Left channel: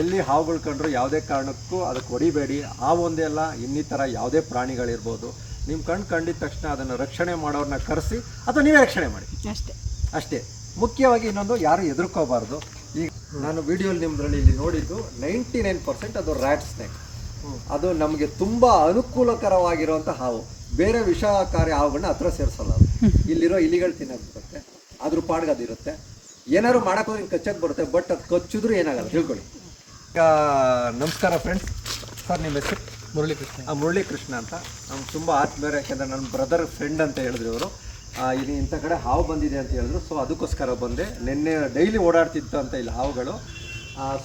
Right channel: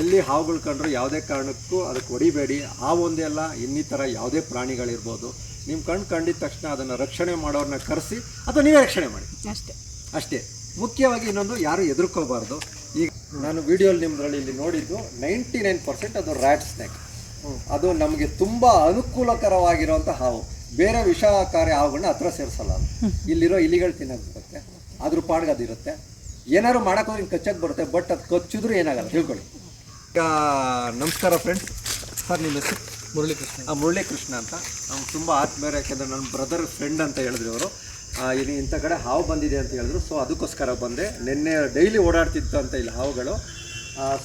ಎಲ್ಲಿ ಹಾವುಗಳು ಕಂಡ್ರು ಯಾವುದೇ ಕಾರಣಕ್ಕೂ ಅದಕ್ಕೆ ಹೊಡಿಬೇಡಿ. ಹಾವೊಂದೇ ಅಲ್ಲ, ಇನ್ನಿತರ ಯಾವುದೇ ಪ್ರಾಣಿಗಳಿರ್ಬೋದು, ನಿಮ್ಮ ಕಣ್ಣು ಕಂಡಿದ ತಕ್ಷಣ ಅದನ್ನು ರಕ್ಷಣೆ ಮಾಡೋರನ್ನ ಕರೆಸಿ ಅಥವಾ ನೀವೇ ರಕ್ಷಣೆ ಮಾಡಿ ಅಷ್ಟೇ. ಮುಖ್ಯವಾಗಿ ಇನ್ನೊಂದು, ಯಾರು ಹೆದರ್ಕೋಬಾರ್ದು. ಈಗ ನಾನು ವಿಡಿಯೋಲಿ ನಿಮ್ಮದ್ರಲ್ಲಿ ಇಲ್ಲಿ ನೋಡಿದ್ದು 99% ಅದು ರ್ಯಾಟ್ ಸ್ನೇಕ್. ಅದು ನಮಗೆ ತುಂಬ ಅನುಕೂಲಕರವಾಗಿರುವಂಥ ಹಾವು. ಬೇರೆ ವಿಷಕಾರಿ ಹಾವುಗಳನ್ನ ಹತ್ರ ಸೇರಿಸಲ್ಲ. ಅದು ಇಲ್ಲಿರೋ ಇಲಿಗಳು ತಿನ್ನೋದು ಬರುತ್ತೆ, ಅದ್ರ ಪಾಡ್ಗದಿರುತ್ತೆ. ಏನಾದ್ರು ಮಾಡೋಕೆ ಹೋದ್ರೆ ಕಚ್ಚಕ್ಕೆ ಬರುತ್ತೆ, ಬಟ್ ಅದು ಕಚ್ಚಿದ್ರೂ ಏನಾಗಲ್ಲ, ತಿಳ್ಕೊಳ್ಳಿ. ಈಗ ನಮಸ್ಕಾರ ಫ್ರೆಂಡ್ಸ್. ಸರ್ ನಿಮ್ಮ ಹೆಸರು? ಮುರಳೀಕೃಷ್ಣ ಅಂತ. ನಮ್ಗೆ ತುಂಬ ಆತ್ಮೀಯರು, ಯಾಕೆಂದರೆ ನನ್ನ ಬ್ರದರ್ ಫ್ರೆಂಡ್ ಅಂತ ಹೇಳಿದ್ರು ಇವರು. ಈಗ ಇಂಥ ಕಡೆ ಹಾವು ಬಂದಿದೆ ಅಂತ ಹೇಳಿದ್ರು, ಸೊ ಅದಕ್ಕೋಸ್ಕರ ಬಂದೆ. ನಿನ್ನೆ ಡೈಲಿ ಓಡಾಡ್ತಿತ್ತು ಅಂತ ಇಲ್ಲಿ ಹಾವುಗಳು,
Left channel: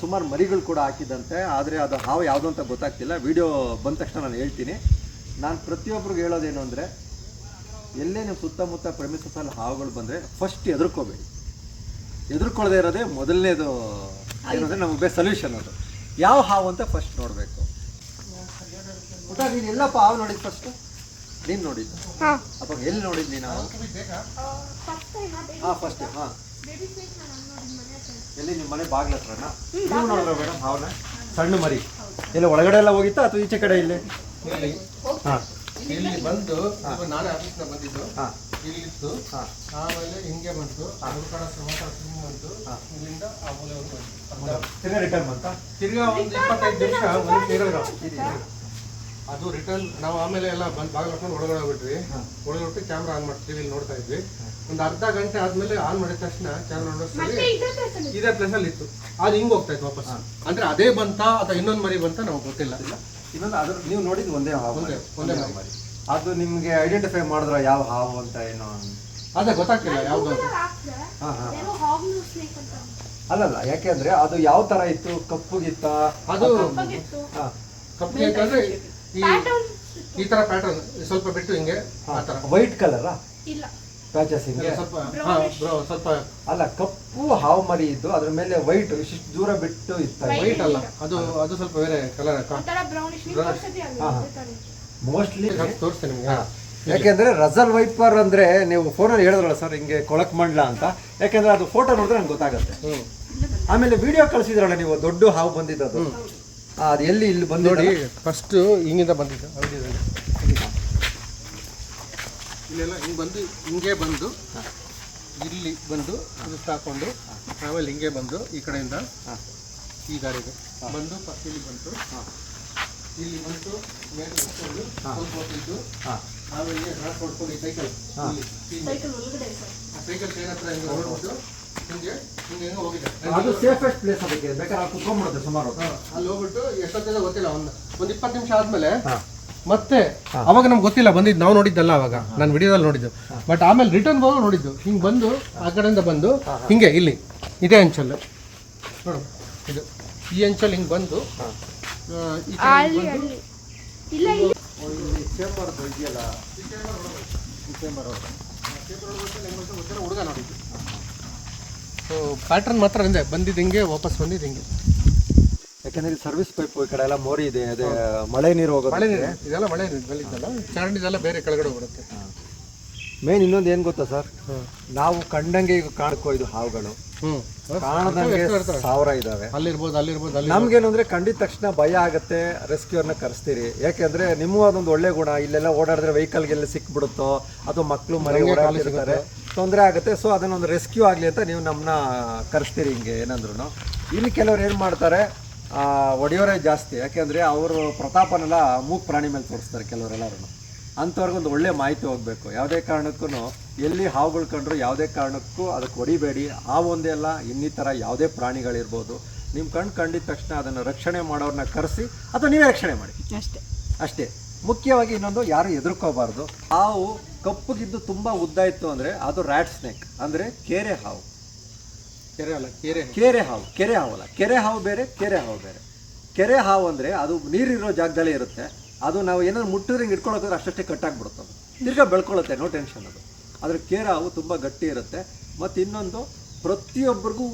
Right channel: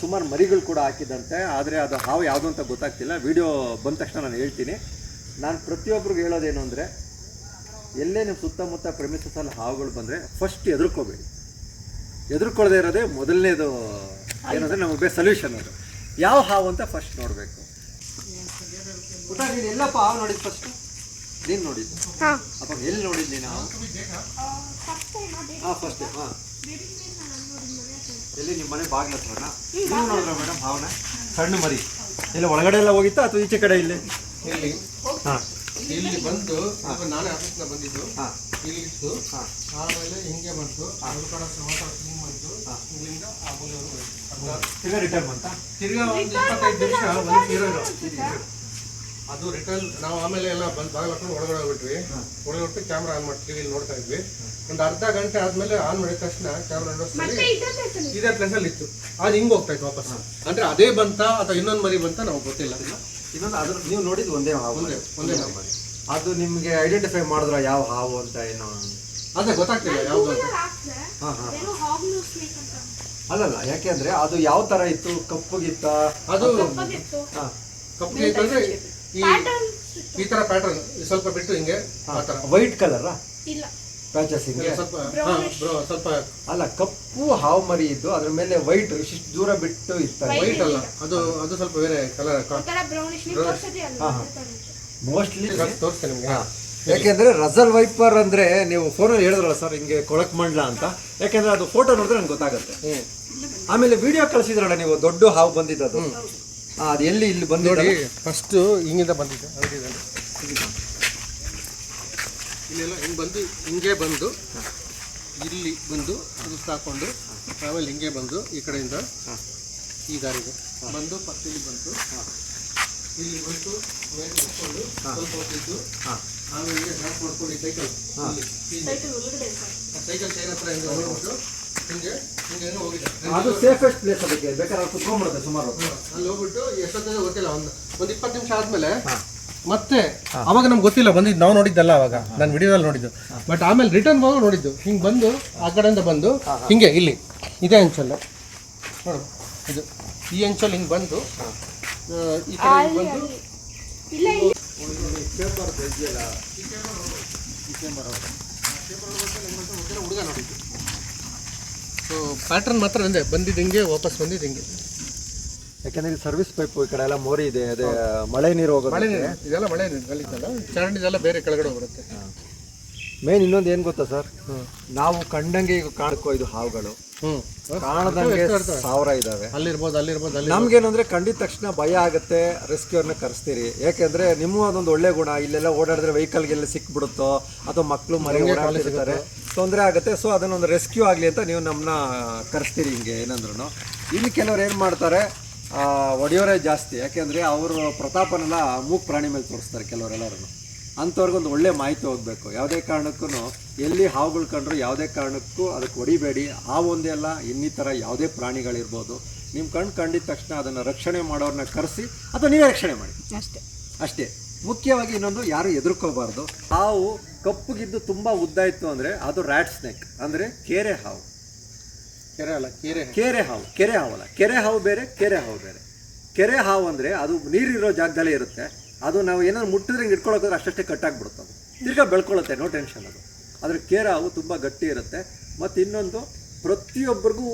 ಸುಮಾರು ಮರಿಗಳು ಕೂಡ ಹಾಕಿದ್ದಂತೆ. ಆದರೆ ಅದು ಹಾವು ಯಾವುದು ಅಂತ ಗೊತ್ತಾಗ್ತಿಲ್ಲ. ವಿಡಿಯೋ ಬಂದ ತಕ್ಷಣ ನಾನು ಹೇಳ್ತೀನಿ. ನಾನು ಪ್ರತಿಯೊಬ್ಬರಿಗೂ ಹೇಳೋದೇನು ಅಂದರೆ, ಎಲ್ಲೇ ನಿಮ್ಮ ಸುತ್ತಮುತ್ತ ಪ್ರೆಮಿಸಸಲ್ಲಿ ಹಾವುಗಳು ಬಂದರೆ ಫಸ್ಟ್ ಹೆದರ್ಕೋಬೇಡಿ. ಹೆದರ್ಕೊಳ್ಳದೆ ಇರೋದೇ ಮೊದಲನೇದು ಏನಂದರೆ ನಮಗೆ ಸೊಲ್ಯೂಷನ್. ಅದು ಯಾವ ಹಾವು ಅಂತ ಫಸ್ಟ್ ನೋಡಬೇಕು. ಊಟ ನೀನು ಎಲ್ಲಪ್ಪ ಹಾವು ನೋಡಿದ್ದು ಫಸ್ಟು? ನೀನು ನೋಡಿದ್ದು ಅಪ್ಪ? ಎಲ್ಲಿ ನೋಡಿದ್ದು ನೀನು ಹಾವು? ಫಸ್ಟ್ ಎಲ್ಲಿ? ನಿಮ್ಮ ಮನೆ ಬಾಗಿಲ ಹತ್ರನಾ? ನೀವು ನೋಡಿದ್ರ ಮೇಡಮ್ ಹಾವನ? ಸಣ್ಣ ಮರಿ ಎಲ್ಲ ಒಳಗಡೆ ಎಲ್ಲ ಹೋಗಿತ್ತಾ ಅಥವಾ ಈಚೆ ಕಡೆ? ಇಲ್ಲಿ ಇಲ್ಲಿ ಬಂದು ನಾನೇ ಆಫೀಸ್ನ ಬಂದಿದ್ದು, ಇಲ್ಲಿ ಇತ್ತು. ಆಮೇಲೆ ಹಿಂಗೆ ಬಂತು, ಬಂತು. ಇಲ್ಲಿಂದ ತಿರ್ಗಾ ರಿಟರ್ನ್ ಬಂತ. ತಿರ್ಗಾ ಒಂದು 25 ನಿಮಿಷ ಒಂದು ಸೇರೋದು ಅದು ರಿಟರ್ನ್. ನಾವು ಆಮೇಲೆ ಎಲ್ಲ ಬಂದು ಬಾಗಿಲು ಹಾಕೊಂಡು ಒಳಗಡೆ ಹೋಗ್ಬಿಟ್ವಿ. ಒಳಗೆ ಬಿಟ್ಟು ಕ್ಯಾಮ್ರಾ ಆನ್ ಮಾಡಿ ಟಿವಿಲಿ ನೋಡ್ತಾ ಇದ್ವಿ. ಒಂದು ಅರ್ಧ ಗಂಟೆ ಆದ್ಮೇಲೆ ಆನ್ ಮಾಡಿದ ತಕ್ಷಣ ಕ್ಯಾಮ್ರಾ ನೋಡಿಸ್ತೀವಿ ಇದೇ ಪ್ಲೇಸಲ್ಲಿ ಇತ್ತು. ಅದು ಹಿಂಗೆ ಹೋಗ್ತಾ ಇತ್ತು ವಾಪಸ್. ಅಂದ್ರೆ ಅದೇ ಬಂತ ಅಥವಾ ಇನ್ನೊಂದು ಮರಿ ಬಂತ ನಮ್ಗೆ ಗೊತ್ತಿಲ್ಲ. ಇನ್ನೊಂದು ಅದ್ರ ನೀವು ನೋಡಿದ್ದು ಒಂದೇ ಹಾವು? ಒಂದೇ ಮರಿ. ಅದು ನಿಮಗೆ ಐಡೆಂಟಿಫೈ ಮಾಡಿದ್ರ ಯಾವ ಹಾವು ಅಂತ? ಏನೋ ಅದೇ ಗೊತ್ತಾಗ್ತಿಲ್ಲ ಯಾವುದು ಅಂತ. ಅಲ್ಲಲ್ಲ, ಯಾಕೆಂದ್ರೆ ಅದು ಯಾವ ತರ ಇತ್ತು? ಕಪ್ಪುಗಿತ್ತ? ಅದು ಕಪ್ಪು ಅಂದ್ರೆ ಈ ತರ ಪ್ಯಾಟರ್ನ್, ಸ್ವಲ್ಪ ಬಿಟ್ಟು ಹಿಂಗೆ ಆ ತರ. ವೈಟ್ ಕಲರ್ ಪ್ಯಾಚಸ್ ಹಿಂಗೆ ಸ್ವಲ್ಪ ಅಲ್ಲ, ಕಪ್ಪು ಹಾವು ಮರಿ ಇದ್ದು ಅದ್ರ ಮೇಲೆ ವೈಟ್ ಇಷ್ಟು ದೂರ ಬಿಟ್ಟು ಇತ್ತು. ವೈಟ್ ಅಲ್ಲ, ಅದು ಸ್ವಲ್ಪ ಬೇರೆ ಕಲರ್. ಮೋಸ್ಟ್ಲಿ ತೋರಿಸ್ತೇನೆ ನಿಮ್ಗೆ. ಯಾಕೆಂದ್ರೆ ರಸಲ್ ವೈಪರ್ ಅಂದ್ರೆ ನೀವು ಫೋನಲ್ಲಿ ಹೇಳಿದ್ರಲ್ಲ ಸರ್, ಹಿಂಗೆ ಕೊಳಕ್ ಮಂಡ್ಲ ಅಂತ. ಯಾಕೆಂದ್ರೆ ಅದು ಫೋಟೋ ನೋಡಿದ್ರೆ ನನ್ಗೆ ಗೊತ್ತಾಗುತ್ತೆ. ಆಮೇಲೆ ವಿಡಿಯೋ ಕಳಿಸಿದ್ರಲ್ಲ ನೀವು, ದೊಡ್ಡ ಹಾವು ಬಂದಿದ್ದು. ಅದು ಎಲ್ಲಿ? ಇಲ್ಲಿ ಬಂದು ನೋಡಿ, ಫಸ್ಟ್ ಹಿಂಗಿಂದ ಬಂದಿದ್ದು. ಇಲ್ಲೆಲ್ಲ ಹಿಂಗೆ ಬಂದು ಹಿಂಗೆ ಬಂದು ಇಲ್ಲಿ ಬಂದು ಅದು ಸಾಕೊಂಡು, ಆಮೇಲೆ ಹಿಂಗೆ ಬಂದು ಈ ಕಡೆಯಿಂದ ಈ ದಾರಿದು ಬಂದು ಫಸ್ಟ್ ಇಲ್ಲಿ ಬಂತು. ಇಲ್ಲಿ ಬಂತು, ಮೇಲೆ ಹಾಕೊಂಡು ಸ್ವಲ್ಪ ಹೊತ್ತಿದ್ದು, ಆಮೇಲೆ ಡ್ರಾಪ್ ಮಾಡ್ಕೊಂಡು ಸೈಕಲ್ ಚೈನ್ ಹತ್ರ ಹಿಂಗೆ ಹೊರಡ್ಬಿಟ್ಟು ಹಿಂಗೆ ಹಿಂಗೆ ಹೆಂಗೆ ಹೋಗಿದೆ. ಅದು ಸೇಫೆಸ್ಟ್ ಪ್ಲೇಸ್. ಅದಕ್ಕೆ ಬೇಕಾದ್ರೆ ಕುತ್ಕೊಂಡ್ಬಿಡುತ್ತೆ ಸುಮಾರು. ಅಲ್ಲಿ ಹೋಗ್ಬಿಟ್ಟು ಎಷ್ಟೊತ್ತಿಗೆ ಗೊತ್ತಿಲ್ಲ, ಒಂದು 20 ನಿಮಿಷ ಆದ್ಮೇಲೆ ಮತ್ತೆ ಅವಾಗ ನಮ್ಗೆ ಗೊತ್ತಿಲ್ಲ ಬಂದಿದ್ದು, ನಾವು ನೋಡಿದ್ದಲ್ಲ ಅವಾಗ, ನಾನು ವಿಡಿಯೋದಲ್ಲಿ ನೋಡಿದ್ದು. ಬಟ್ ಆಮೇಲೆ ರಿಟರ್ನ್ ಹೋಗಿ ನೋಡಿದ್ದು, ಹಿಂಗೆ ಬಂದು ಆ ಕಡೆಯಿಂದ ಬಂದು ಹಿಂಗೆ ಇಲ್ಲಿ ಇದೇ ಅಂಚಲ್ಲ ನೋಡು, ಇದು ಈ ಅಂಚಲ್ಲಿ ಹಿಂಗೆ ಬಂದು ಈ ಕಡೆ ಬಂದು ಹುಡುಗ ನೋಡಿದ್ದು. ಸೊ ಪ್ಯಾಟ್ರನ್ ಮಾತ್ರ ಹಿಂಗೆ ಬಂದಿದ್ದು, ಹಿಂಗೆ ವಾಪಸ್ ಬಂದಿದ್ದು ಹಿಂಗೆ. ಯಾಕೆಂದ್ರೆ ಸರ್ವಿಸ್ ಪೈಪ್ ಈ ಕಡೆ ಎಲ್ಲ ಮೋರಿ ಇದೆ, ಅದೇ ಮಳೆ ನೀರು ಹೋಗೋದು. ಮಳೆ ನೀರು ಇದೆಲ್ಲ ಮಳೆ ನೀರು ಗಲ್ಲಿದ್ದಲ್ಲ, ಚರಂಡಿದೆಲ್ಲ ಬೇರೆ ಕೆಳಗಡೆ ಬರುತ್ತೆ. ಮೇನ್ ಇನ್ನೊಂದು ಏನು ಗೊತ್ತಾ ಸರ್, ನಾವು ಕಂಡಂಗೆ ಈಗ ಕಾಣ್ಕೋ ಇದು ಹಾವುಗಳು ಕಾಣದಂಗೆ 1000 ಇದಾವೆ. ಅಲ್ಲಿರ್ಬೋದು. ನಮ್ಗೇನಂದ್ರೆ ಕಂಡಿದ ತಕ್ಷಣ ಭಯ ಆಗುತ್ತೆ, ರೆಸ್ಕ್ಯೂರ್ನ ಕರೆಸ್ತೀರಿ. ಯಾಕೆಂದ್ರೆ ನಿಮ್ಮ ಅದೊಂದು ಒಳ್ಳೆ ಗುಣ. ಇಲ್ಲೆಲ್ಲ ಓಡಾಡಿದ್ರೆ ವೆಹಿಕಲ್ಗೆಲ್ಲ ಸಿಕ್ಬಿಡುತ್ತೋ ಅಥವಾ ಮಕ್ಕಳು ಮನೆಗೆ ಓಡಾಡ್ತಿರ್ತಾರೆ, ತೊಂದರೆ ಆಗುತ್ತೆ. ಸೊ ಅದನ್ನೊಂದು ರೆಸ್ಕ್ಯೂ ಆಗಲಿ ಅಂತ ನೀವು ನಮ್ಮನ್ನ ಕರೆಸ್ತೀರಿ. ಹಿಂಗೆ ಏನಂದ್ರು ಇಲ್ಲಿ ಕೆಲವ್ರು ಏನು ಮಾಡ್ತಾರೆ, ಒಡೆಯೋರೇ ಜಾಸ್ತಿ. ಯಾಕೆಂದರೆ ಅವರು ಪ್ರತಾಪನೆಲ್ಲ ಮೂಕ್ ಪ್ರಾಣಿ ಮೇಲೆ ತೋರಿಸ್ತಾರೆ ಕೆಲವರೆಲ್ಲರೂ. ಅಂಥವ್ರಿಗೊಂದು ಒಳ್ಳೆ ಮಾಹಿತಿ ಹೋಗಬೇಕು. ಯಾವುದೇ ಕಾರಣಕ್ಕೂ ಎಲ್ಲಿ ಹಾವುಗಳು ಕಂಡ್ರು ಯಾವುದೇ ಕಾರಣಕ್ಕೂ ಅದಕ್ಕೆ ಹೊಡಿಬೇಡಿ. ಹಾವೊಂದೇ ಅಲ್ಲ, ಇನ್ನಿತರ ಯಾವುದೇ ಪ್ರಾಣಿಗಳಿರ್ಬೋದು, ನಿಮ್ಮ ಕಣ್ಣು ಕಂಡಿದ ತಕ್ಷಣ ಅದನ್ನು ರಕ್ಷಣೆ ಮಾಡೋರನ್ನ ಕರೆಸಿ ಅಥವಾ ನೀವೇ ರಕ್ಷಣೆ ಮಾಡಿ ಅಷ್ಟೇ. ಮುಖ್ಯವಾಗಿ ಇನ್ನೊಂದು, ಯಾರು ಹೆದರ್ಕೋಬಾರ್ದು. ಹಾವು ಕಪ್ಪುಗಿದ್ದು ತುಂಬ ಉದ್ದ ಇತ್ತು ಅಂದರೆ ಅದು ರ್ಯಾಟ್ ಸ್ನೇಕ್, ಅಂದರೆ ಕೆರೆ ಹಾವು. ಕೆರೆ ಹಾವು ಅಲ್ಲ, ಕೆರೆ ಹಾವು ಬೇರೆ, ಕೆರೆ ಹಾವು ಬೇರೆ. ಕೆರೆ ಹಾವು ಅಂದರೆ ಅದು ನೀರಿರೋ ಜಾಗದಲ್ಲೇ ಇರುತ್ತೆ. ಅದು ನಾವು ಏನಾದ್ರು ಮುಟ್ಟಿದ್ರೆ ಹಿಂಗೆ ಇಟ್ಕೊಳ್ಳೋಕೆ ಅಷ್ಟೇ ಕಟ್ಟಾಗ್ಬಿಡುತ್ತೆ. ಅದು ತಿರ್ಗಾ ಬೆಳ್ಕೊಳ್ಳುತ್ತೆ, ನೋ ಟೆನ್ಷನ್. ಅದು ಆದರೆ ಕೆರೆ ಹಾವು ತುಂಬ ಗಟ್ಟಿ ಇರುತ್ತೆ. ಮತ್ತು ಇನ್ನೊಂದು, ಪ್ರತಿಯೊಬ್ಬರಿಗೂ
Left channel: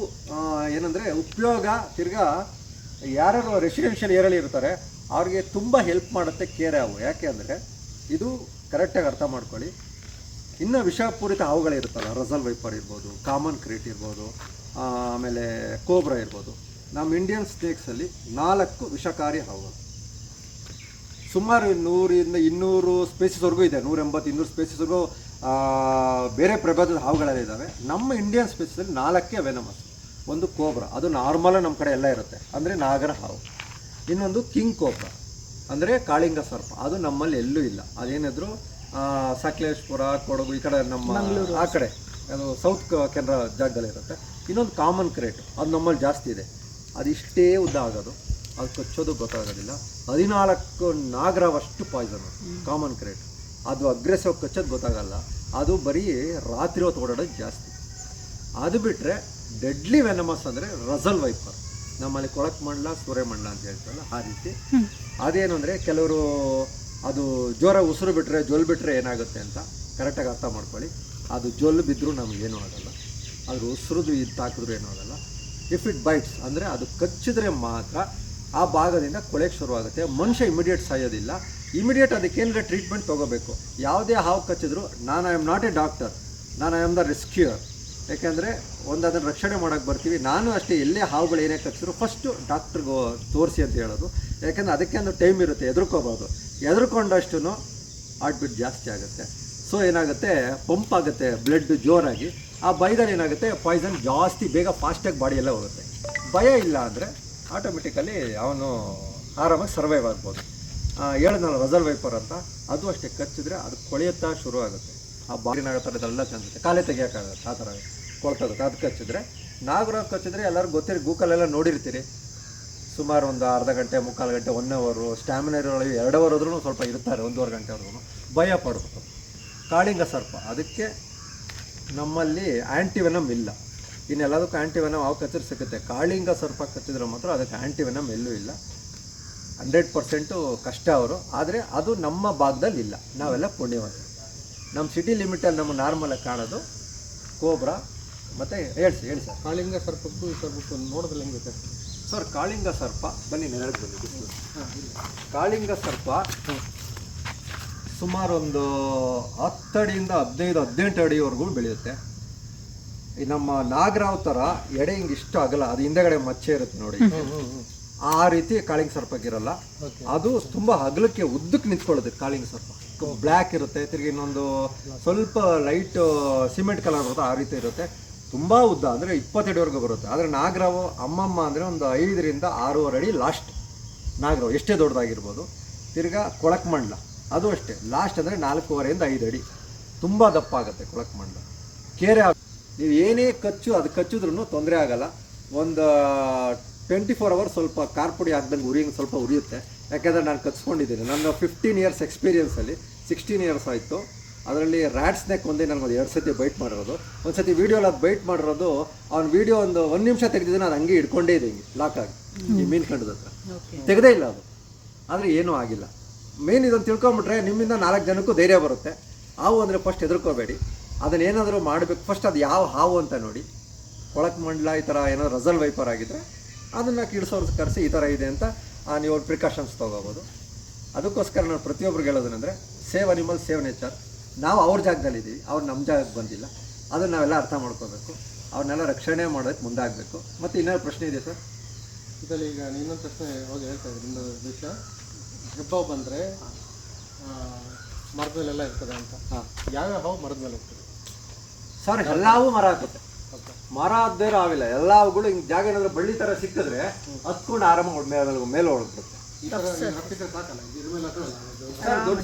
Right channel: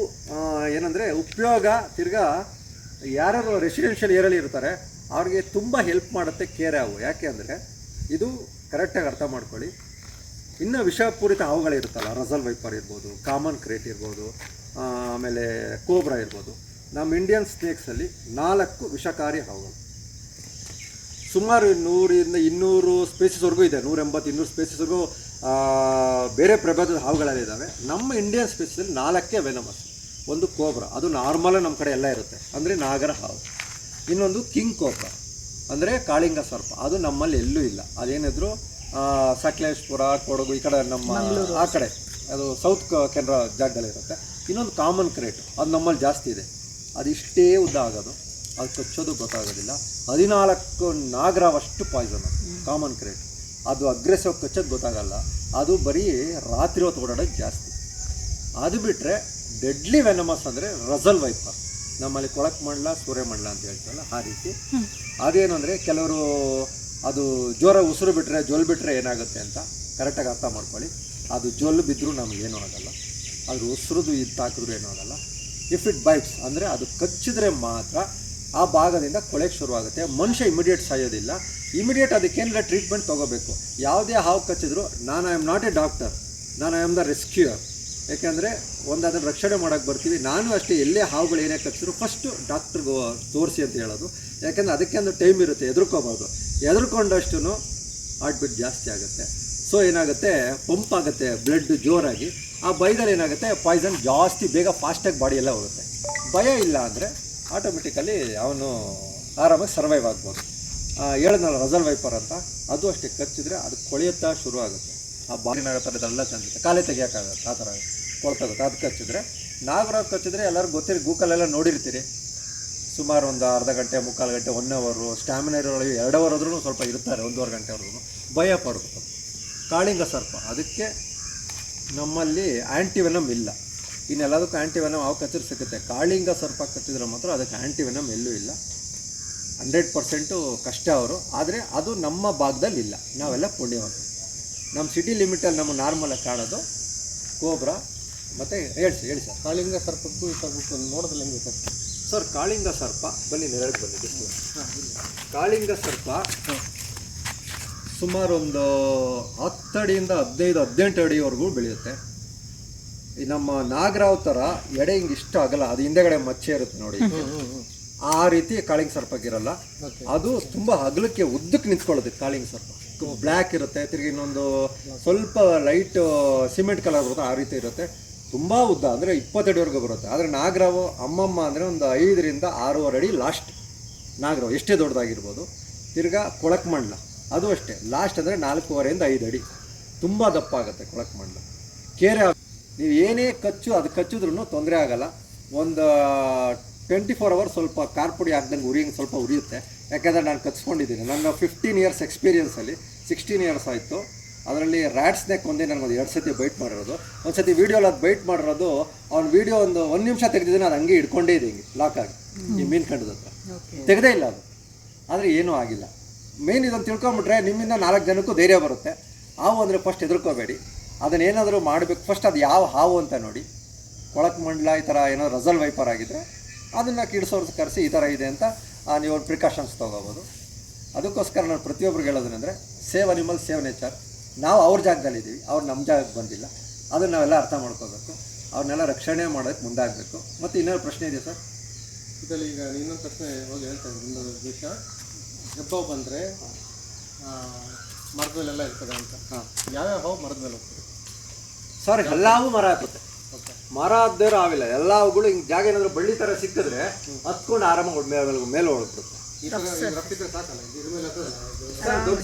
ಏನಂದರೆ ಉಪಯೋಗ. ತಿರ್ಗಾ ಯಾರ್ಯಾರು ರೆಸಿಡೆನ್ಷಿಯಲ್ ಏರಿಯಲ್ಲಿ ಇರ್ತಾರೆ ಅವ್ರಿಗೆ ತುಂಬ ಹೆಲ್ಪ್ ಮಾಡುತ್ತೆ ಕೆರೆ ಹಾವು. ಯಾಕೆ ಅಂದರೆ ಇದು ಕರೆಕ್ಟಾಗಿ ಅರ್ಥ ಮಾಡ್ಕೊಳ್ಳಿ. ಇನ್ನು ವಿಷಪೂರಿತ ಹಾವುಗಳಿರುತ್ತಲ್ಲ, ರಸಲ್ ವೈಪರ್ ಇರ್ಬೋದು, ಕಾಮನ್ ಕ್ರೇಟ್ ಇರ್ಬೋದು, ಆಮೇಲೆ ಕೋಬ್ರಾ ಇರ್ಬೋದು, ನಮ್ಮ ಇಂಡಿಯನ್ ಸ್ನೇಕ್ಸಲ್ಲಿ 4 ವಿಷಕಾರಿ ಹಾವುಗಳು. ಸುಮಾರು 100-200 ಸ್ಪೇಸಿಸ್ವರೆಗೂ ಇದೆ, 180-200 ಸ್ಪೇಸಿಸ್ವರೆಗೂ ಬೇರೆ ಪ್ರಭೇದದ ಹಾವುಗಳೆಲ್ಲ ಇದ್ದಾವೆ. ನಮ್ಮ ಇಂಡಿಯನ್ ಸ್ಪೇಸಿಸಲ್ಲಿ 4 ವೆನಮಸ್. ಒಂದು ಕೋಬ್ರಾ, ಅದು ನಾರ್ಮಲ್ ನಮ್ಮ ಕಡೆ ಎಲ್ಲ ಇರುತ್ತೆ, ಅಂದರೆ ನಾಗರ ಹಾವು. ಇನ್ನೊಂದು ಕಿಂಗ್ ಕೋಬ್ರಾ ಅಂದರೆ ಕಾಳಿಂಗ ಸರ್ಪ, ಅದು ನಮ್ಮಲ್ಲಿ ಎಲ್ಲೂ ಇಲ್ಲ. ಅದೇನಿದ್ರು ಸಕಲೇಶ್ಪುರ, ಕೊಡಗು ಈ ಕಡೆ ನಮ್ಮ ಆ ಕಡೆ ಅದು ಸೌತ್ ಕೆನರಾ ಜಾಗದಲ್ಲಿ ಇರುತ್ತೆ. ಇನ್ನೊಂದು ಕಾಮನ್ ಕ್ರೇಟ್, ಅದು ನಮ್ಮಲ್ಲಿ ಜಾಸ್ತಿ ಇದೆ. ಅದು ಇಷ್ಟೇ ಉದ್ದ ಆಗೋದು, ಅದು ಕಚ್ಚೋದು ಗೊತ್ತಾಗೋದಿಲ್ಲ. 14 ನಾಗರವಷ್ಟು ಪಾಯ್ಸನ್ ಕಾಮನ್ ಕ್ರೇಟ್. ಅದು ಅಗ್ರೆಸಿವ್ ಕಚ್ಚೋದು ಗೊತ್ತಾಗಲ್ಲ, ಅದು ಬರೀ ರಾತ್ರಿ ಹೊತ್ತು ಓಡಾಡೋದು ಜಾಸ್ತಿ. ಅದು ಬಿಟ್ಟರೆ ಡೆಡ್ಲಿ ವೆನಮಸ್ ಅಂದರೆ ರಸಲ್ ವೈಪರ್, ನಮ್ಮಲ್ಲಿ ಕೊಳಕ್ ಮಂಡಲ ಸೂರ್ಯ ಮಂಡಲ ಅಂತ ಹೇಳ್ತಾರಲ್ಲ ಆ ರೀತಿ. ಅದೇನು ಅಂದರೆ ಕೆಲವರು ಅದು ಜ್ವರ ಉಸಿರು ಬಿಟ್ಟರೆ ಜೊಲ್ ಬಿಟ್ಟರೆ ಏನಾಗುತ್ತೆ ಅಂತ ಕರೆಕ್ಟಾಗಿ ಅರ್ಥ ಮಾಡ್ಕೊಳ್ಳಿ. ಅದು ಜೊಲ್ಲು ಬಿದ್ದರೂ ನಮಗೇನೂ ಆಗಲ್ಲ, ಅದ್ರ ಉಸಿರುದು ಇದು ಹಾಕಿದ್ರೂ ಏನೂ ಆಗಲ್ಲ. ಇಫ್ ಇಟ್ ಬೈಟ್ಸ್ ಅಂದರೆ ಅದು ಕಚ್ಚಿದ್ರೆ ಮಾತ್ರ ಆ ಭಾಗದಿಂದ ಕೊಳೆಗೆ ಶುರುವಾಗುತ್ತೆ. ಮನುಷ್ಯ ಇಮಿಡಿಯೇಟ್ ಸಾಯೋದಿಲ್ಲ, ಇಮಿಡಿಯೇಟ್ ಅದಕ್ಕೇನಾರ ಟ್ರೀಟ್ಮೆಂಟ್ ತೊಗೋಬೇಕು. ಯಾವುದೇ ಹಾವು ಕಚ್ಚಿದ್ರು I am not a doctor, I am the rescuer. ಯಾಕೆಂದರೆ ಅದನ್ನು ರಕ್ಷಣೆ ಮಾಡೋಕ್ಕೆ ಬರ್ತೀವಿ. ನಾನು ಅಷ್ಟೇ, ಎಲ್ಲೇ ಹಾವುಗಳು ಏನೇ ಕಚ್ಚಿದ್ರು ಫಸ್ಟು ಡಾಕ್ಟ್ರಿಗೆ ತೋರಿಸಿ ಅಂತ ಹೇಳೋದು. ಯಾಕೆಂದರೆ ಅದಕ್ಕೆ ಒಂದು ಟೈಮ್ ಇರುತ್ತೆ, ಹೆದರ್ಕೋಬೋದು. ಹೆದರ್ಕೊಂಡಷ್ಟು ಹಾರ್ಟ್ ಬೀಟ್ ಜಾಸ್ತಿ ಆಗುತ್ತೆ. ಸೊ ಏನಾಗುತ್ತೆ, ಪಂಪ್ ಆಗುತ್ತೆ ಬ್ಲಡ್ ಜೋರಾಗಿ. ಆ ಭಯದಲ್ಲಿ ಏನಾಗುತ್ತೆ, ಪಾಯ್ಸನ್ ಜಾಸ್ತಿ ಬೇಗ ಫಾಸ್ಟಾಗಿ ಬಾಡಿಯೆಲ್ಲ ಹೋಗುತ್ತೆ. ಭಯ ಇಲ್ಲ ಅಂದರೆ ಆಟೋಮೆಟಿಕಲಿ ಅವನು ಆರಾಮಾಗಿ ಸರ್ವೈವ್ ಆಗ್ಬೋದು. ಹೇಳಿದ್ನಲ್ಲ ರಸಲ್ ವೈಪರ್ ಅಂತ, ಅದು ಅಷ್ಟೇ ಕಚ್ಚಿದ್ರೆ ಅದು ಕೊಳೆಯುತ್ತಾ ಶುರು ಆಗುತ್ತೆ. ಆ ಬಾಡಿನಾಗತ್ತೆ, ಅದೆಲ್ಲ ತಂದಿರುತ್ತೆ, ಕಾಲೇ ತೆಗಿಯೋಕ್ಕಾಗತ್ತೆ, ಆ ಥರ ಕೊಳ್ತಗುತ್ತೆ. ಅದು ಕಚ್ಚಿದ್ರೆ, ನಾಗರ ಕಚ್ಚಿದ್ರೆ ಎಲ್ಲರೂ ಗೊತ್ತಿರಿ, ಗೂಗಲೆಲ್ಲ ನೋಡಿರ್ತೀರಿ. ಸುಮಾರು ಒಂದು ಅರ್ಧ ಗಂಟೆ, ಮುಕ್ಕಾಲು ಗಂಟೆ, 1 ಅವರು, ಸ್ಟ್ಯಾಮಿನಾ ಇರೋಳಿಗೆ 2 ಅವರ್ ಆದ್ರೂ ಸ್ವಲ್ಪ ಇರ್ತಾರೆ, 1.5 ಗಂಟೆವರೆಗೂ. ಭಯ ಪಡಬೇಕು. ಕಾಳಿಂಗ ಸರ್ಪ, ಅದಕ್ಕೆ ನಮ್ಮಲ್ಲಿ ಆ್ಯಂಟಿವೆನಮ್ ಇಲ್ಲ. ಇನ್ನೆಲ್ಲದಕ್ಕೂ ಆ್ಯಂಟಿವೆನಮ್ ಅವು ಕಚ್ಚಿದ್ರೆ ಸಿಗುತ್ತೆ. ಕಾಳಿಂಗ ಸರ್ಪ ಕಚ್ಚಿದ್ರೆ ಮಾತ್ರ ಅದಕ್ಕೆ ಆ್ಯಂಟಿವೆನಮ್ ಎಲ್ಲೂ ಇಲ್ಲ. 100% ಕಷ್ಟ ಅವರು, ಆದರೆ ಅದು ನಮ್ಮ ಭಾಗದಲ್ಲಿ ಇಲ್ಲ. ನಾವೆಲ್ಲ ಪುಣ್ಯವಂತ. ನಮ್ಮ ಸಿಟಿ ಲಿಮಿಟಲ್ಲಿ ನಮ್ಮ ನಾರ್ಮಲಾಗಿ ಕಾಣೋದು ಕೋಬ್ರಾ ಮತ್ತು ಹೇಳಿ ಸರ್. ಕಾಳಿಂಗ ಸರ್ಪಕ್ಕೂ ಈ ಸರ್ಪಕ್ಕೂ ನೋಡೋದಿಲ್ಲ ಹೆಂಗೆ ಸರ್? ಸರ್ ಕಾಳಿಂಗ ಸರ್ಪ ಬನ್ನಿ ನೆರಳಿಗೆ ಬಂದಿದ್ದು. ಕಾಳಿಂಗ ಸರ್ಪ ಸುಮಾರು ಒಂದು 10 ಅಡಿಯಿಂದ 15-18 ಅಡಿವರೆಗೂ ಬೆಳೆಯುತ್ತೆ. ಈ ನಮ್ಮ ನಾಗರಾವ್ ಥರ ಎಡೆ ಹಿಂಗೆ ಇಷ್ಟು ಆಗಲ್ಲ, ಅದು ಹಿಂದೆಗಡೆ ಮಚ್ಚೆ ಇರುತ್ತೆ ನೋಡಿ, ಆ ರೀತಿ ಕಾಳಿಂಗ ಸರ್ಪಕ್ಕಿರಲ್ಲ. ಅದು ತುಂಬ ಅಗಲಕ್ಕೆ ಉದ್ದಕ್ಕೆ ನಿಂತ್ಕೊಳ್ಳುತ್ತೆ ಕಾಳಿಂಗ ಸರ್ಪ. ಬ್ಲ್ಯಾಕ್ ಇರುತ್ತೆ, ತಿರುಗಿ ಇನ್ನೊಂದು ಸ್ವಲ್ಪ ಲೈಟ್ ಸಿಮೆಂಟ್ ಕಲರ್ ಬರುತ್ತೆ, ಆ ರೀತಿ ಇರುತ್ತೆ. ತುಂಬ ಉದ್ದ ಅಂದರೆ 20 ಅಡಿವರೆಗೂ ಬರುತ್ತೆ. ಆದರೆ ನಾಗರಾವು ಅಮ್ಮಮ್ಮ ಅಂದರೆ ಒಂದು 5-6 ಅಡಿ ಲಾಸ್ಟ್ ನಾಗರಾವು, ಎಷ್ಟೇ ದೊಡ್ಡದಾಗಿರ್ಬೋದು. ತಿರ್ಗಾ ಕೊಳಕ್ ಮಂಡಲ ಅದು ಅಷ್ಟೇ, ಲಾಸ್ಟ್ ಅಂದರೆ 4.5-5 ಅಡಿ, ತುಂಬ ದಪ್ಪ ಆಗುತ್ತೆ ಕೊಳಕ್ ಮಂಡಲ. ಕೇರೆ ನೀವು ಏನೇ ಅದು ಕಚ್ಚಿದ್ರೂ ತೊಂದರೆ ಆಗಲ್ಲ. ಒಂದು 24 ಅವರ್ಸ್ ಸ್ವಲ್ಪ ಕಾರ್ಪುಡಿ ಹಾಕ್ದಂಗೆ ಸ್ವಲ್ಪ ಉರಿಯುತ್ತೆ. ಯಾಕೆಂದರೆ ನಾನು ಕಚ್ಕೊಂಡಿದ್ದೀನಿ. ನನ್ನ 15 ಇಯರ್ಸ್ ಎಕ್ಸ್ಪೀರಿಯನ್ಸಲ್ಲಿ 16 ಇಯರ್ಸ್ ಆಯಿತು. ಅದರಲ್ಲಿ ರ್ಯಾಟ್ ಸ್ನೇಕ್ ಒಂದೇ ನನಗೊಂದು 2 ಸತಿ ಬೈಟ್ ಮಾಡಿರೋದು. ಒಂದು ಸತಿ ವೀಡಿಯೋಲಿ ಅದು ಬೈಟ್ ಮಾಡಿರೋದು, ಅವ್ನ ವೀಡಿಯೋ ಒಂದು 1 ನಿಮಿಷ ತೆಗೆದಿದ್ದೀನಿ, ಅದು ಹಂಗೆ ಹಿಡ್ಕೊಂಡೇ ಇದೆ, ಹಿಂಗೆ ಲಾಕ್ ಆಗಿ ಈ ಮೀನು ಕಂಡದ ಹತ್ರ ತೆಗೆದೇ ಇಲ್ಲ ಅದು. ಆದರೆ ಏನೂ ಆಗಿಲ್ಲ. ಮೇನ್ ಇದನ್ನು ತಿಳ್ಕೊಂಬಿಟ್ರೆ ನಿಮ್ಮಿಂದ 4 ಜನಕ್ಕೂ ಧೈರ್ಯ ಬರುತ್ತೆ. ಹಾವು ಅಂದರೆ ಫಸ್ಟ್ ಹೆದರ್ಕೋಬೇಡಿ, ಅದನ್ನೇನಾದರೂ ಮಾಡಬೇಕು. ಫಸ್ಟ್ ಅದು ಯಾವ ಹಾವು ಅಂತ ನೋಡಿ. ಕೊಳಕ್ ಮಂಡಲ ಈ ಥರ ಏನಾದ್ರು ರಸಲ್ ವೈಪರ್ ಆಗಿದ್ದರೆ ಅದನ್ನು ಕಿಡಿಸೋರು ಕರೆಸಿ ಈ ಥರ ಇದೆ ಅಂತ ನೀವು ಪ್ರಿಕಾಷನ್ಸ್ ತೊಗೋಬೋದು. ಅದಕ್ಕೋಸ್ಕರ ನಾನು ಪ್ರತಿಯೊಬ್ಬರಿಗೆ ಹೇಳೋದೇನೆಂದರೆ, ಸೇವ್ ಅನಿಮಲ್ ಸೇವ್ ನೇಚರ್. ನಾವು ಅವ್ರ ಜಾಗದಲ್ಲಿದ್ದೀವಿ, ಅವ್ರು ನಮ್ಮ ಜಾಗಕ್ಕೆ ಬಂದಿಲ್ಲ. ಅದನ್ನು ನಾವೆಲ್ಲ ಅರ್ಥ ಮಾಡ್ಕೋಬೇಕು, ಅವ್ರನ್ನೆಲ್ಲ ರಕ್ಷಣೆ ಮಾಡೋಕ್ಕೆ ಮುಂದಾಗಬೇಕು. ಮತ್ತು ಇನ್ನೇನು ಪ್ರಶ್ನೆ ಇದೆ ಸರ್? ಇದರಲ್ಲಿ ಈಗ ಇನ್ನೊಂದು ಪ್ರಶ್ನೆ ಹೋಗಿ ಹೇಳ್ತಾ ಇದ್ದೀನಿ. ಇನ್ನೊಂದು ವಿಷಯ, ಹೆಬ್ಬಾವು ಬಂದರೆ ಮರದ ಮೇಲೆಲ್ಲ ಇರ್ತದೆ ಅಂತ. ಯಾವ್ಯಾವ ಹಾವು ಮರದ ಮೇಲೆ ಹೋಗ್ತದೆ ಸರ್? ಎಲ್ಲವೂ ಮರ ಹತ್ತುತ್ತೆ. ಮರ ಹದ್ದೇರೋ ಆಗಿಲ್ಲ, ಎಲ್ಲವುಗಳು ಹಿಂಗೆ ಜಾಗ ಏನಾದರೂ ಬಳ್ಳಿ ಥರ ಸಿಕ್ಕಿದ್ರೆ ಹತ್ಕೊಂಡು ಆರಾಮಾಗಿ ಮೇಲೆ ಹೊರಡ್ಬಿಡುತ್ತೆ.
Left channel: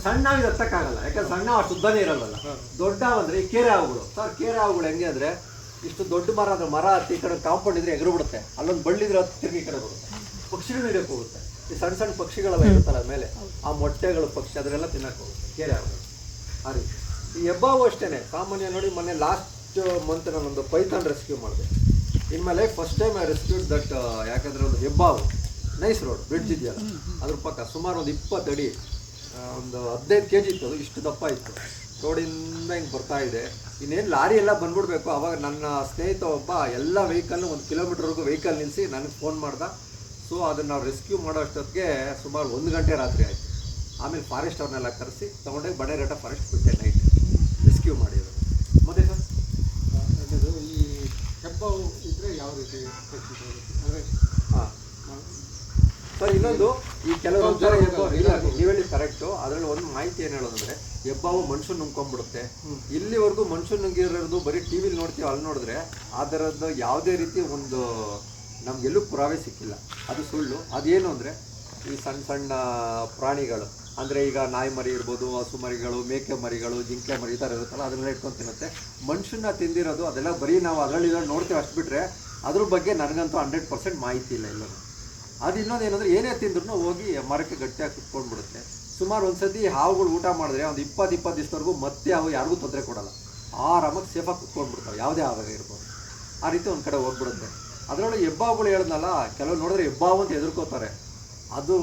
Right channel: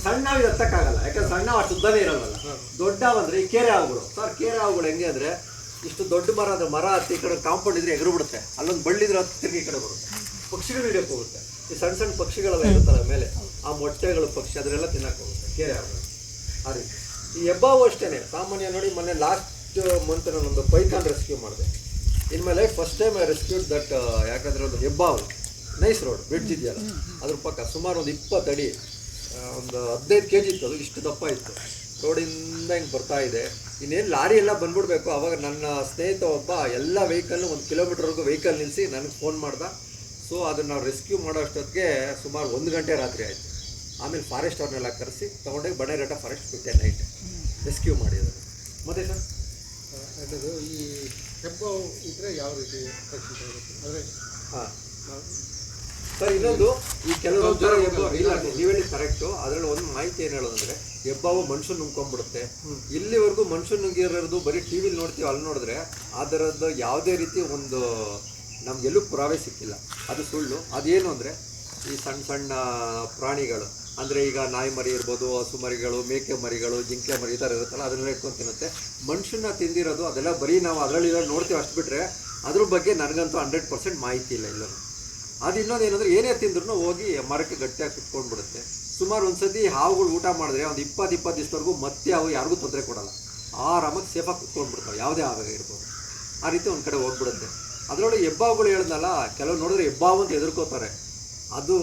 ಸಣ್ಣ ಹತ್ತಕ್ಕಾಗಲ್ಲ, ಯಾಕಂದ್ರೆ ಸಣ್ಣ ಅಷ್ಟು ಉದ್ದನೇ ಇರೋಲ್ಲ. ದೊಡ್ಡ ಅಂದರೆ ಈ ಕೇರೆ ಹಾವುಗಳು ಸರ್. ಕೇರೆ ಹಾವುಗಳು ಹೆಂಗೆ ಅಂದರೆ, ಇಷ್ಟು ದೊಡ್ಡ ಮರ ಅಂದರೆ ಮರ ಹತ್ತಿ ಈ ಕಡೆ ಕಾಂಪೌಂಡ್ ಇದ್ರೆ ಎಗರು ಬಿಡುತ್ತೆ, ಅಲ್ಲೊಂದು ಬಳ್ಳಿದ್ರೆ ಹತ್ತು ತಿರುಗಿ ಈ ಕಡೆ ಬರುತ್ತೆ. ಪಕ್ಷಿಗಳು ಹಿಡಿಯೋಕೆ ಹೋಗುತ್ತೆ. ಈ ಸಣ್ಣ ಸಣ್ಣ ಪಕ್ಷಿಗಳೆಲ್ಲ ಇರುತ್ತಲ್ಲ ಮೇಲೆ, ಆ ಮೊಟ್ಟೆಗಳು ಪಕ್ಷಿ ಅದನ್ನೆಲ್ಲ ತಿನ್ನಕ್ಕೆ ಹೋಗುತ್ತೆ ಕೇರೆ ಹಾವುಗಳು. ಆ ರೀತಿ ಈ ಹೆಬ್ಬಾವು ಅಷ್ಟೇ ಸಾಮಾನ್ಯ. ನೋಡಿ, ಮೊನ್ನೆ ಲಾಸ್ಟ್ ಮಂತ್ ನಾನೊಂದು ಪೈಥಾನ್ ರೆಸ್ಕ್ಯೂ ಮಾಡಿದೆ. In my life first time I rescued that. ಯಾಕಂದರೆ ಒಂದು ಹೆಬ್ಬಾವು ನೈಸ್ ರೋಡ್ ಬ್ರಿಡ್ಜ್ ಇದೆಯಲ್ಲ ಅದ್ರ ಪಕ್ಕ ಸುಮಾರು ಒಂದು 20 ಅಡಿ, ಒಂದು 15 kg ಇತ್ತು. ಅದು ಇಷ್ಟು ದಪ್ಪ ಇತ್ತು. ರೋಡಿಂದ ಹಿಂಗೆ ಬರ್ತಾ ಇದೆ. ಇನ್ನೇನು ಲಾರಿ ಎಲ್ಲ ಬಂದ್ಬಿಡ್ಬೇಕು. ಅವಾಗ ನನ್ನ ಸ್ನೇಹಿತ ಒಬ್ಬ ಎಲ್ಲ ವೆಹಿಕಲ್ನು 1 ಕಿಲೋಮೀಟರ್ವರೆಗೂ ವೆಹಿಕಲ್ ನಿಲ್ಲಿಸಿ ನನಗೆ ಫೋನ್ ಮಾಡ್ದ. ಸೊ ಅದನ್ನು ನಾವು ರೆಸ್ಕ್ಯೂ ಮಾಡೋ ಅಷ್ಟೊತ್ತಿಗೆ ಸುಮಾರು 1 ಗಂಟೆ ರಾತ್ರಿ ಆಯಿತು. ಆಮೇಲೆ ಫಾರೆಸ್ಟ್ ಅವ್ರನ್ನೆಲ್ಲ ಕರೆಸಿ ತೊಗೊಂಡೋಗಿ ಬಡೇಘಟ್ಟ ಫಾರೆಸ್ಟ್ ಬಿಟ್ಟೆ ನೈಟ್ ರೆಸ್ಕ್ಯೂ ಮಾಡಿದ್ರು. ಮತ್ತೆ ಸರ್ ಈ ಹೆಬ್ಬಾವು ಇದ್ರೆ ಯಾವ ರೀತಿ ರಕ್ಷಿತ ಆಗುತ್ತೆ ಅಂದರೆ ಹಾಂ ಸರ್ ಇನ್ನೊಂದು ಈ ಕೆಲವು ಇಲ್ಲ ನೀವು ಹೇಳಿ ಕರೆಕ್ಟು. ಅದರಲ್ಲಿ ಒಂದು ಮಾಹಿತಿ ಏನು ಹೇಳೋದಂದ್ರೆ ಹೆಬ್ಬಾವು ಮನುಷ್ಯನ ನುಂಗ್ಕೊಂಡ್ಬಿಡುತ್ತೆ. ಇಲ್ಲಿವರೆಗೂ ಮನುಷ್ಯನ ನುಂಗಿರೋದು ಬರೀ ಟಿ ವಿಲಿ ನೋಡ್ತೀವಿ, ಅಲ್ಲಿ ನೋಡಿದ್ರೆ ಅದರದ್ದು ಯಾವುದೇ ರೀತಿ ಒಂದು ನಮಗೆಲ್ಲೂ ಪುರಾವೆ ಸಿಕ್ಕಿಲ್ಲ. ಅದು ಸುಳ್ಳು. ಅದೇನು ಅಂದರೆ ಈ ಸಣ್ಣ ಸಣ್ಣ ಪ್ರಾಣಿಗಳು ಅಂದರೆ ಈಗ ನಾಯಿ ಮರಿ ಇರ್ಬೋದು, ಹಸು ಮರಿಗಳು, ಮೇಕೆ ಮರಿಗಳು, ಜಿಂಕೆ ಮರಿ ಈ ಥರ ಇರುತ್ತಲ್ಲ ಅದನ್ನೆಲ್ಲ ಇಟ್ಕೊಂಡು ತಿನ್ನುತ್ತೆ. ಮನುಷ್ಯನ ತಿಂದಿರೋದು ಅದೆಲ್ಲ ಬರೀ ನಾವು ಅದರಲ್ಲಿ ನೋಡ್ತೀವಿ ಅಷ್ಟು ಬಿಟ್ಟರೆ ಅದ್ರ ಬಗ್ಗೆ ನನಗಂತೂ 100% ಮಾಹಿತಿ ಇಲ್ಲ ಎಲ್ಲೂ. ಅದು ಇನ್ನೊಂದು ಏನಂದರೆ ಏನೇ ತಿಂದ್ರೂ ಹೋಗಿ ಮರಕ್ಕೆ ಗಟ್ಟಿಯಾಗಿ ಕುತ್ಕೊಂಡ್ಬಿಡುತ್ತೆ. ಸುಮಾರು ಒಂದ್ಸತಿ ಹಾವುಗಳು ಊಟ ಮಾಡಿದ್ರೆ ಒಂದು 20 ದಿವಸದವರೆಗೂ ಮತ್ತೆ ಅವು ಯಾರಿಗೂ ತೊಂದರೆ ಕೊಡಲ್ಲ, ಆರಾಮಾಗಿ ಸೇಫಾಗಿ ಕುತ್ಕೊಂಡ್ಬಿಡ್ತಾವೆ, ಯಾವುದೇ ಆಗ ಇರ್ಬೋದು. ಆ ರೀತಿ ಒಂದು ಕಡೆ ಹೋಗ್ಬಿಡುತ್ತೆ. ಅದರೊಳಗೆ ಹೆಬ್ಬಾವುಗಳು ಹೇಳಿದ್ನಲ್ಲ, ಕೆಲವು ನೋಡಿದ್ರೆ ಹೆಬ್ಬಾವು ಅಂತ ಹೆದರ್ಕೋತಾರೆ. ಅದು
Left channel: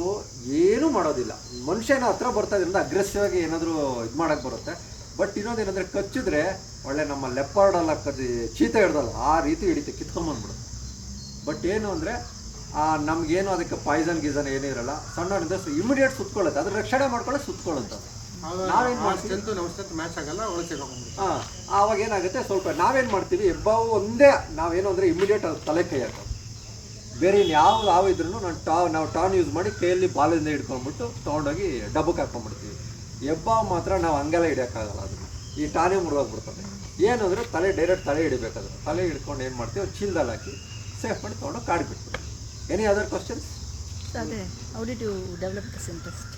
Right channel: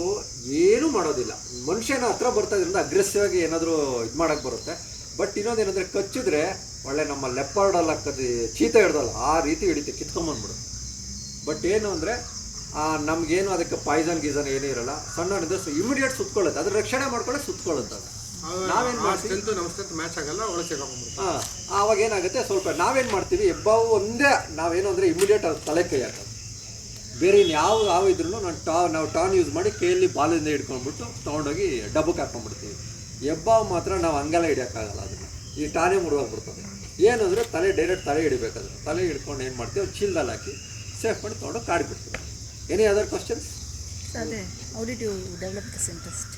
ಏನೂ ಮಾಡೋದಿಲ್ಲ. ಮನುಷ್ಯನ ಹತ್ರ ಬರ್ತಾ ಇದ್ರಿಂದ ಅಗ್ರೆಸಿವ್ ಆಗಿ ಏನಾದರೂ ಇದು ಮಾಡೋಕ್ಕೆ ಬರುತ್ತೆ. ಬಟ್ ಇನ್ನೊಂದೇನೆಂದರೆ ಕಚ್ಚಿದ್ರೆ ಒಳ್ಳೆ ನಮ್ಮ ಲೆಪರ್ಡೆಲ್ಲ ಚೀತೆ ಹಿಡ್ದಲ್ಲ ಆ ರೀತಿ ಹಿಡಿತೆ, ಕಿತ್ಕೊಂಬಂದ್ಬಿಡುತ್ತೆ. ಬಟ್ ಏನು ಅಂದರೆ ನಮಗೇನು ಅದಕ್ಕೆ ಪಾಯ್ಸನ್ ಗೀಸನ್ ಏನೂ ಇರಲ್ಲ. ಸಣ್ಣನಿಂದ ಇಮಿಡಿಯೇಟ್ ಸುತ್ಕೊಳ್ಳುತ್ತೆ, ಅದ್ರ ರಕ್ಷಣೆ ಮಾಡ್ಕೊಳ್ಳೋಕೆ ಸುತ್ಕೊಳ್ಳುತ್ತೆ. ನಾವೇನು ಮಾಡ್ತೀವಿ, ಮ್ಯಾಚ್ ಆಗಲ್ಲ, ಹಾಂ ಆವಾಗ ಏನಾಗುತ್ತೆ, ಸ್ವಲ್ಪ ನಾವೇನು ಮಾಡ್ತೀವಿ, ಹೆಬ್ಬಾವು ಒಂದೇ ನಾವೇನು ಅಂದರೆ ಇಮಿಡಿಯೇಟ್ ಅದು ತಲೆ ಕೈ ಹಾಕೋದು. ಬೇರೆ ಇನ್ಯಾವ ಹಾವು ಇದ್ರೂ ನಾವು ಟಾನ್ ಯೂಸ್ ಮಾಡಿ ಕೈಯಲ್ಲಿ ಬಾಲಿಂದ ಹಿಡ್ಕೊಂಡ್ಬಿಟ್ಟು ತೊಗೊಂಡೋಗಿ ಡಬ್ಬಕ್ಕೆ ಹಾಕ್ಕೊಂಡ್ಬಿಡ್ತೀವಿ. ಹೆಬ್ಬಾವು ಮಾತ್ರ ನಾವು ಹಂಗೆಲ್ಲ ಹಿಡಿಯೋಕ್ಕಾಗಲ್ಲ, ಅದನ್ನು ಈ ಟಾನೇ ಮುರಿದೋಗ್ಬಿಡ್ತದೆ. ಏನಂದರೆ ಡೈರೆಕ್ಟ್ ತಲೆ ಹಿಡಿಬೇಕಾದ್ರೆ ತಲೆ ಹಿಡ್ಕೊಂಡು ಏನು ಮಾಡ್ತೀವಿ, ಚೀಲದಲ್ಲಿ ಹಾಕಿ ಸೇಫ್ ಮಾಡಿ ತೊಗೊಂಡು ಕಾಡಿಬಿಡ್ತೀವಿ. Any other questions? ಅದೇ how did you develop this interest?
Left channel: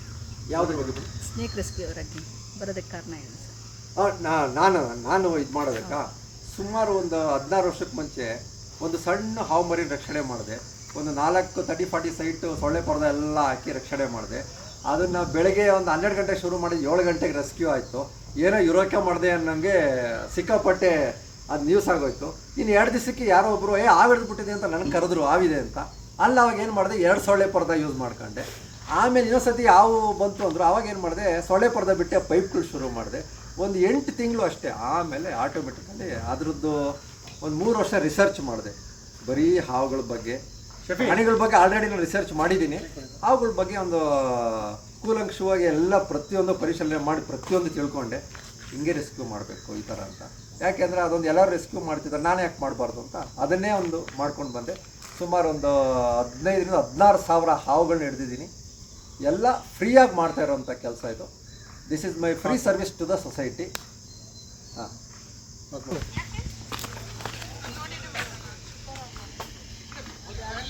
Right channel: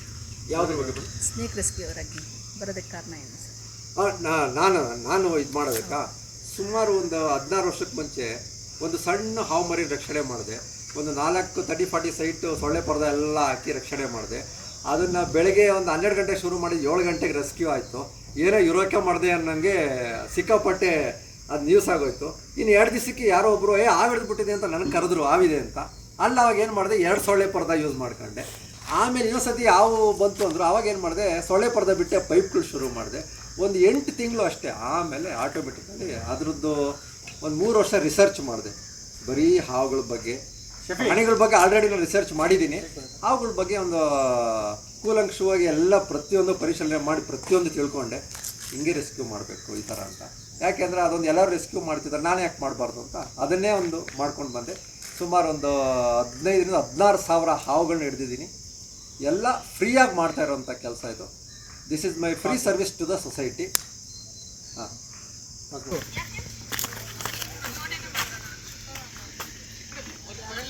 ಯಾವುದ್ರ ಬಗ್ಗೆ? ಸ್ನೇಕ್ ರೆಸ್ಕ್ಯೂ ಆಗಿ ಬರೋದಕ್ಕೆ ಕಾರಣ ಏನು ಸರ್? ನಾನು ಇದು ಮಾಡೋದಕ್ಕ ಸುಮಾರು ಒಂದು 16 ವರ್ಷಕ್ಕೆ ಮುಂಚೆ ಒಂದು ಸಣ್ಣ ಹಾವು ಮರಿ ರಕ್ಷಣೆ ಮಾಡಿದೆ. ಒಂದು 30-40 ಸೈಟು ಸೊಳ್ಳೆ ಪರ್ದ ಎಲ್ಲ ಹಾಕಿ ರಕ್ಷಣೆ ಮಾಡಿದೆ. ಅದನ್ನು ಬೆಳಗ್ಗೆ ಒಂದು 12 ಗಂಟೆಗೆ ಶುರು ಮಾಡಿ 7 ಗಂಟೆಗೆ ರೆಸ್ಕ್ಯೂ ಆಯಿತು. ಏನೋ ಯುರೋಕೆ ಮಾಡಿದೆ ಅನ್ನಂಗೆ ಸಿಕ್ಕಾಪಟ್ಟೆ ಅದು ನ್ಯೂಸ್ ಆಗೋಯ್ತು. ಇನ್ನು 2 ದಿವಸಕ್ಕೆ ಯಾರೋ ಒಬ್ಬರು ಹಾವು ಹಿಡಿದ್ಬಿಟ್ಟಿದೆ ಅಂತ ನನಗೆ ಕರೆದ್ರು, ಹಾವಿದೆ ಅಂತ. ಅಲ್ಲಿ ಅವಾಗ ಏನು ಮಾಡಿದೆ, 2 ಸೊಳ್ಳೆ ಪರ್ದ ಯೂಸ್ ಮಾಡ್ಕೊಂಡೆ. ಆಮೇಲೆ ಇನ್ನೊಂದ್ಸತಿ ಹಾವು ಬಂತು ಅಂದರು, ಅವಾಗ ಏನು ಮಾಡಿದೆ, ಸೊಳ್ಳೆ ಪರ್ದ ಬಿಟ್ಟೆ ಪೈಪ್ಗಳು ಶುರು ಮಾಡಿದೆ. ಒಂದು 8 ತಿಂಗಳು ಅಷ್ಟೇ. ಆಮೇಲೆ ಆಟೋಮೆಟಿಕಲಿ ಅದರದ್ದು ಒಂದು 3 ವರ್ಷ ರಿಸರ್ಚ್ ಮಾಡಿದೆ, ಬರೀ ಹಾವುಗಳ ಬಗ್ಗೆ. ಪ್ರಾಣಿಗಳ ಬಗ್ಗೆ ಆಲ್ರೆಡಿ ನಾನು ರಿಸರ್ಚ್ ಮಾಡಿದ್ದೀನಿ. ಹಾವುಗಳ ಬಗ್ಗೆ ಒಂದು ಕೂಲಂಕಷವಾಗಿ ಎಲ್ಲ ಪ್ರತಿಯೊಂದು ಪರಿಶೀಲನೆ ಮಾಡಿ ಪ್ರತಿಯೊಂದು ತಿಳ್ಕೊಂಡೆ, ಹಿಂಗೆ ರೆಸ್ಕ್ಯೂ ಮಾಡಬೇಕು ಈ ಥರ ಅಂತ. ಯಾಕೆಂದರೆ ಅದೊಂದು ಎಲ್ಲರೂ ರೆಸ್ಕ್ಯೂ ಮಾಡ್ತಿದ್ದಾರೆ, ನಾನು ಯಾಕೆ ಮಾಡಬಾರ್ದು ಅಂತ ಅದನ್ನೇ ಒಂದು ಮಾಡ್ಕೊಂಡು ಬಂದೆ. ಸುಮಾರು ಒಂದು 15,000-16 ಸಾವಿರ ಹಾವುಗಳನ್ನ ಹಿಡಿದಿದ್ದೀನಿ. ಎಲ್ಲ ಫ್ರೀಯಾಗಿ ಮಾಡ್ತಾ ಇರೋವಂಥ ಕೆಲಸ ಇದು. This is my free service to the society. ಹಾಂ,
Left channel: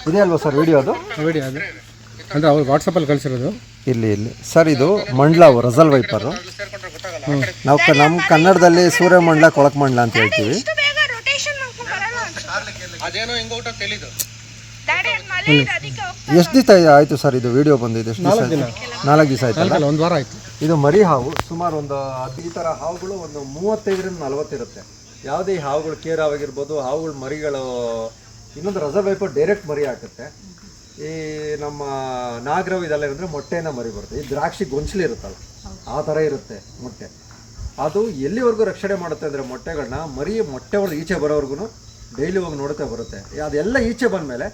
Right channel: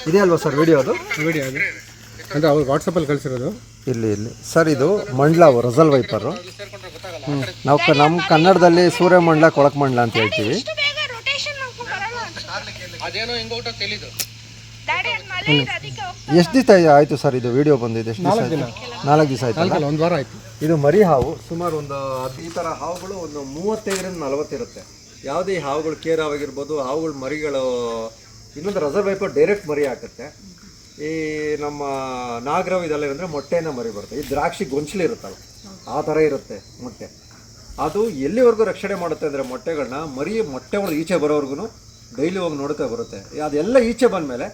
ಇದೆ ಅಲ್ವಾ ಸರ್ ವಿಡಿಯೋ? ಅದು ವಿಡಿಯೋ ಅದು ಅಂದರೆ ಅವ್ರು ವಾಟ್ಸಪ್ಪಲ್ಲಿ ಕಳಿಸಿರೋದು. ಇಲ್ಲಿ ಸರ್, ಇದು ಮಂಡ್ಲಾವು ರಸಲ್ ವೈಪರು. ನಾವು ನಮ್ಮ ಕನ್ನಡದಲ್ಲಿ ಸೂರ್ಯಮಂಡ್ಲ ಕೊಳಕಮಂಡ್ಲ ಅಂತ ಹೇಳ್ತೀವಿ. ಅದೇನೋ ಹಿಂಗೋಟ ತೆಲಿದು ಎಷ್ಟು ದಿವಸ ಆಯಿತು ಸರ್ ಇದು ವಿಡಿಯೋ ಬಂದಿದೆ? ಎಷ್ಟು ದಿವಸ ಆಯಿತು? 4 ದಿವಸ ಆಯ್ತು, 1 ವಾರ ಆಯಿತು. ಇದು ಮರಿ ಹಾವು. ಸುಮಾರು ಒಂದು ಈ ಥರ ಹಾವುಗಳು ಒಂದು 35-40 ಇರುತ್ತೆ. ಯಾವುದೇ ಹಾವುಗಳು ಕೇರ್ ಹಾವಾಗಿರ್ಬೋದು, ಹಾವುಗಳ ಮರಿಗಳು. ಇನ್ನೊಂದು ರಸಲ್ ವೈಪರ್ ಡೈರೆಕ್ಟ್ ಮರಿ ಹಾಕುತ್ತೆ. ಈ ನಮ್ಮ ನಾಗರವು ಇದೆಲ್ಲ ಏನಂದರೆ ಮೊಟ್ಟೆನ ಮರಿ ಬರುತ್ತೆ. ಈ ದ್ರಾಕ್ಷಿ ಗೊಂಚಲು ಇರುತ್ತಲ್ಲ ಆ ಥರ ಇರುತ್ತೆ ಮೊಟ್ಟೆ. ಅದು ಎಲ್ಲಿವರೆಗೂ ರಕ್ಷಣೆ ಮಾಡುತ್ತೆ ಅಂದರೆ ಮೊಟ್ಟೆಗಳನ್ನ ಮೊಟ್ಟೆ ಹೊಡೆದು ಈಚೆ ಬರೋವರೆಗೂ ಡೈಲಿ ಹೋಗಿ ನೋಡ್ತಾ ಬರುತ್ತೆ. ಅದೆಲ್ಲ ಈಚೆ ಬಂದಮೇಲೆ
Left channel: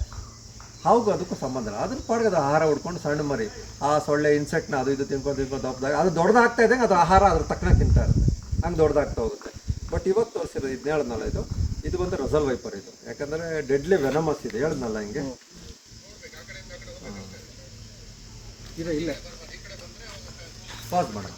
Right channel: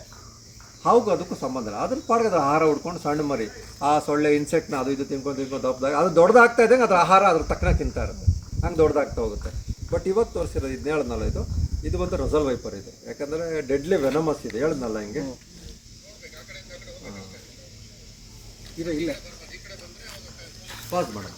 ಹಾವುಗೂ ಅದಕ್ಕೂ ಸಂಬಂಧ ಇಲ್ಲ. ಅದ್ರ ಪಾಡ್ಗೆ ಅದು ಆಹಾರ ಹುಡ್ಕೊಂಡು ಸಣ್ಣ ಮರಿ ಆ ಸೊಳ್ಳೆ ಇನ್ಸೆಕ್ಟ್ನ ಅದು ಇದು ತಿನ್ಕೊಂಡು ದಪ್ಪದಾಗ ಅದು ದೊಡ್ಡದಾಗ್ತಾ ಇದ್ದಂಗೆ ಅದ್ರ ಆಹಾರ ಅದ್ರ ತಕ್ಕನ ತಿಂತಾ ಇರುತ್ತೆ, ಹಂಗೆ ದೊಡ್ಡದಾಗ್ತಾ ಹೋಗುತ್ತೆ. ಬಟ್ ಇವತ್ತು ತೋರಿಸಿರೋದು ಇದು ಹೇಳಿದ್ನಲ್ಲ, ಇದು ಬಂದು ರಸಲ್ ವೈಪರ್. ಇದು ಯಾಕಂದರೆ ಡೆಡ್ಲಿ ವೆನಮಸ್ ಇದೆ, ಹೇಳಿದ್ನಲ್ಲ ಹಿಂಗೆ. ಇಲ್ಲ ಪಾಸ್ ಮಾಡೋಣ.